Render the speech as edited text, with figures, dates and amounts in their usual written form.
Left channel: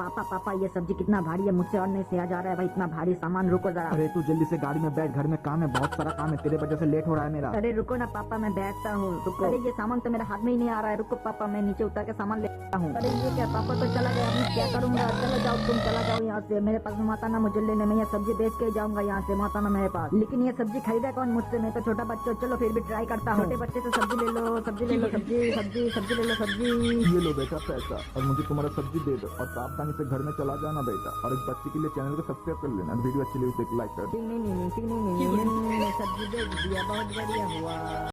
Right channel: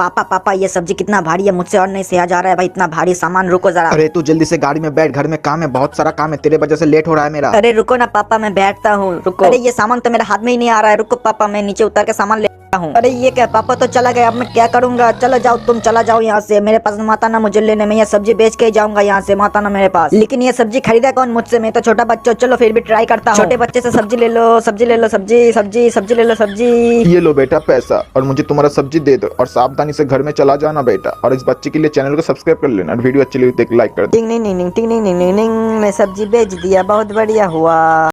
पापा पापा ये सब्जी कितना भारी है, मुझसे और नहीं सहा जा रहा है भाई, इतना भारी सामान। रुको जरा। अरे तू जल्दी से गाड़ी में बैठ, घर में काम है, बहुत सारा काम है, तेरे वजह से लेट हो रहा है मेरा। अरे रुको ना पापा, मैं बैठता हूँ, रुको। अरे ये सामान तो मेरे हाथ में ही नहीं आ रहा है, रुको पापा मैं नीचे उतर के सामान लेता हूँ। अरे ये क्या, पापा तो चला गया, अब मैं क्या करूंगा। चलो जाओ, तुम चला जाओ यहाँ से, मेरे पास माता ना मुझे लेने, मैं ये सब्जी बेच के ही जाऊंगा यहाँ से, माता ना मेरे पास। लेकिन ये सब्जी खरीदा कौन मुझसे, मैं तो छोटा बच्चा। चलो फिर भी ट्राई करता हूँ। छोटे बच्चे से सब्जी ले लो, सब्जी ले लो, सब्जी सब्जी सब्जी ले लो, सब्जी। ये लो बेटा पैसा, और मुझे तुम्हारा सब्जी दे दो, और सावधानी से घर में चला जाना बेटा। और इस बच्चे के लिए चैनल को सब्सक्राइब कर लेना, और वीडियो अच्छी लगी तो एक लाइक कर दो। टिंग टिंग टिंग टिंग टिंग टिंग टिंग, मैं सब्जी बेच दिया, बहुत बढ़िया हुआ।